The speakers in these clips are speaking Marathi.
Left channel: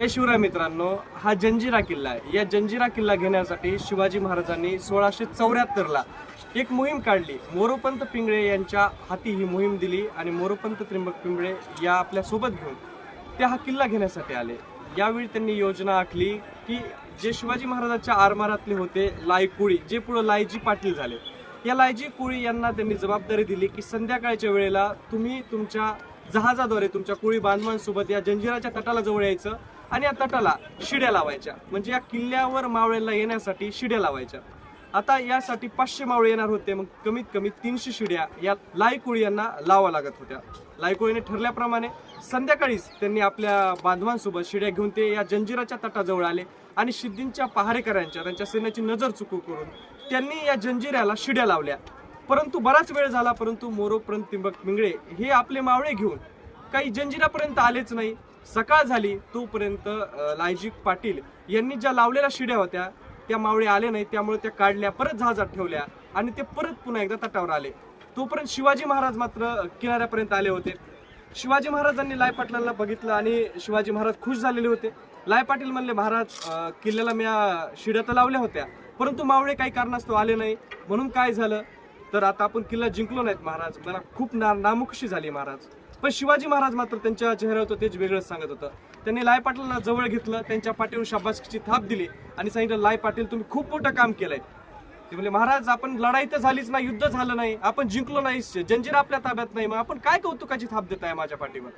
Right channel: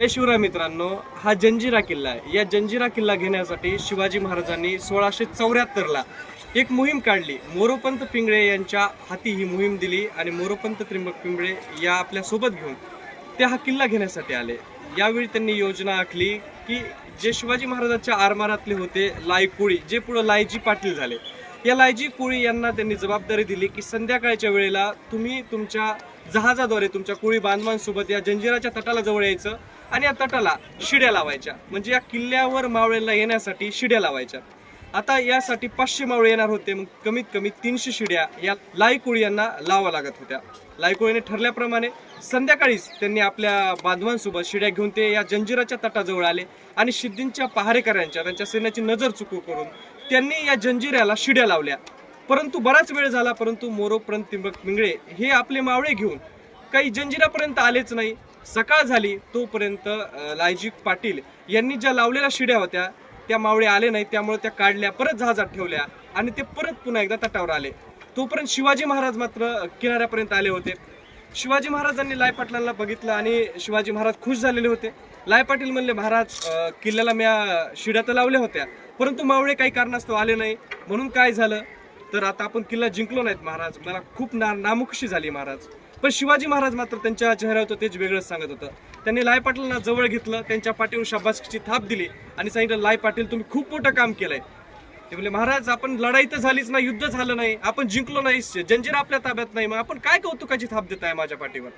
जय शिवराय मित्रांनो हा जंजिरा किल्ला आहे. या जंजिरा किल्ला घेण्यासाठी शिवाजी महाराजांनी सोळाशे चौऱ्याहत्तरला एक मोहीम काढली. मोरोपंत पिंगळे यांच्या हाती ही मोहीम दिली आणि मोरोपंत त्रिंबक पिंगळे या आपल्यासोबत घेऊन ते हा किल्ला घेण्यासाठी आले. यावेळी त्यांनी योजना आखली की जे शिवाजी महाराजांच्या आरमारातले होते लायकुळी जे पुढं लायजी पाटील झाले या लायजी कोळी यांना त्यांनी जबाबदारी दिली की संध्याकाळच्या वेळेला तुम्ही तुमच्या जहाजाद्वारे तुमच्या कुळी बांधवांसोबत या जंजिराच्या तटाला जवळ यायचं. आणि या तटाला शिड्या लावायच्या. म्हणजे या किल्ल्यावर मावळेला येण्यासाठी शिड्या लावायच्या. आता यासाठी पाचशे मावळे येणार होते. मग कमीत कमी तीनशे शिड्या या लायकुळी यांना लावा लागत होत्या. लायकुळीने ठरल्याप्रमाणे संध्याकाळीच त्यांनी आपल्या बांधवांसोबत शिड्या घेऊन ते या जंजिराच्या तटाजवळ आले आणि शिद्दींच्या पहारेकऱ्यांच्या त्यांच्या सैन्याची नजर चुकू करून त्यांनी या जंजिऱ्याला शिड्या लावल्या. परंतु बराच वेळ झाला परंतु मोरोपर्यंत तिंबक मिंगळे हे आपले मावळे घेऊन काही जंजिरापर्यंत आलेच नाही. सकाळ झाली तोपर्यंत अं, लायजी पाटील यांनी ज्या लावलेल्या शिड्या होत्या त्या मावळे आले नाही त्यामुळे त्या काढल्या परत जहाजात ठेवल्या आणि ते परत पुन्हा एकदा तटावर आले. तोपर्यंत शिवाजी महाराज मात्र किनाऱ्यापर्यंत आले होते. शिवाजी महाराजांनी लाय पाटलांना बघितलं आणि शिवाजी महाराज खुश झालेले होते. लाय पाटील म्हणले महाराज किल्ल्याला म्या शिड्या तर लावल्या होत्या परंतु मावळे काही कारणास्तव आले नाही. म्हणून काय झालं? तर आता आपण किल्ला जिंकलो नाहीत महाराज. मला खूप ना नामुखशी झाली महाराज. पण शिवाजी महाराज मात्र त्यांच्या चेहऱ्यावर तेच वेगळंच सांगत होतं. त्यांनी लाय पाटलांना जवळ घेतलं त्यांच्या पाठीवर शाबासकीची थाप दिली आणि सांगितलं लाय पाटील तुम्ही खूप मोठं काम केलंय. ते म्हणले महाराज आपण लढाई तर झालीच नाही युद्ध झालं नाही आपण जिंकलो नाही जंजीर आपल्या ताब्यात नाही मग आपण काय कौतुकाची थाप देताय माझ्या पाठीवर?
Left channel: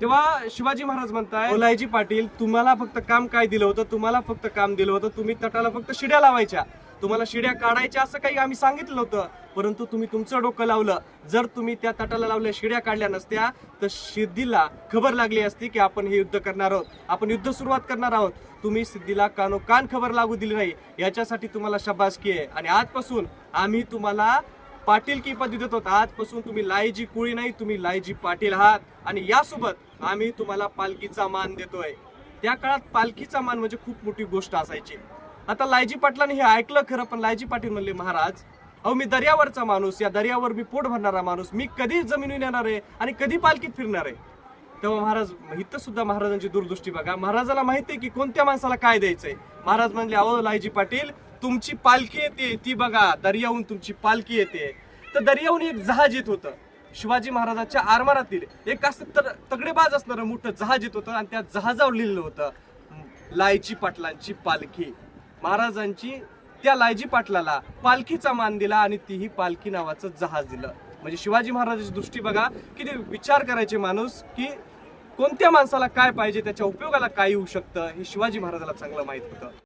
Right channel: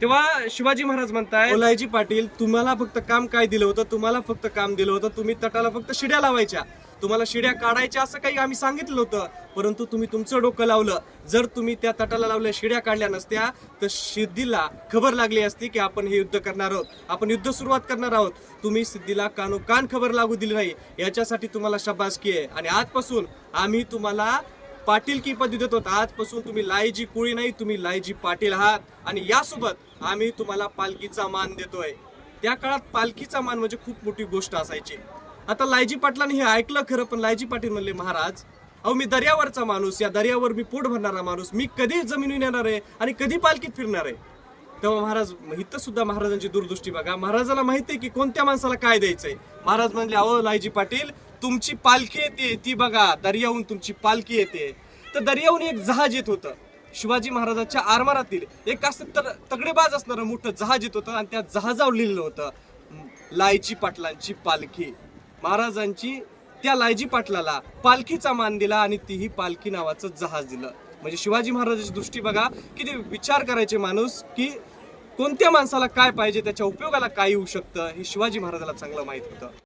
तेव्हा शिवाजी महाराज म्हणताय ओलायजी पाटील तुम्हाला फक्त काम काय दिलं होतं? तुम्हाला फक्त काम दिलं होतं? तुम्ही तटाला फक्त शिड्या लावायच्या. तुम्हाला शिड्या काढायच्या असं काही आम्ही सांगितलं होतं परंतु तुम्ही तुमचं डोकं लावलं. जर तुम्ही त्या तटाला लावल्या शिड्या काढल्या नसत्या तर सिद्धीला खबर लागली असती की आपण हे युद्ध करणार आहोत. आपण युद्ध सुरुवात करणार आहोत. तुम्ही सिद्धीला कानोकान खबर लागू दिली नाही. याच्यासाठी तुम्हाला शबासकी आहे. आणि आजपासून आम्ही तुम्हाला पाटील की पदवी देतो आजपासून तुम्ही लायजी कुळी नाही तुम्ही लायजी पाटील आहात. आणि यासोबत आम्ही तुम्हाला पालखीचा मान देतोय. त्या काळात पालखीचा मान म्हणजे खूप मोठी गोष्ट असायची. आता लायजी पाटलांनी हे ऐकलं खरं पण लायजी पाटील म्हणले महाराज अहो मी दर्यावरचा माणूस या दर्यावर मी पोट भरणारा माणूस मी कधी जमिनीवर येणार आहे आणि कधी पालखीत फिरणार आहे. तेव्हा महाराज इथं सुद्धा महाराजांची दूरदृष्टी बघा. महाराजाला माहिती आहे की कोणत्या माणसाला काय द्यायचंय. महाराज म्हणले अहो लायजी पाटील तुमची पालखी येते ती बघा दर्याहून तुमची पालखी येते. तर दर्याहून एक जहाज येत होतं. शिवाजी महाराजांच्या आरमारातील एक असं तर तगडेबाज असणारं मोठं जहाज येत होतं आणि त्या जहाजावर लिहिलं होतं लायची पाटलांची पालखी. महाराजांची त्या लायजी पाटलाला पालखीचा मान दिला आणि तीही पालखी नावाचं जहाज दिलं. म्हणजे शिवाजी महाराजांची दृष्टी बघा की ते विचार करायचे माणूस की कोणत्या माणसाला काय पाहिजे त्याच्या उपयोगाला काय येऊ शकतं हे शिवाजी महाराजाला चांगलं माहीत होतं.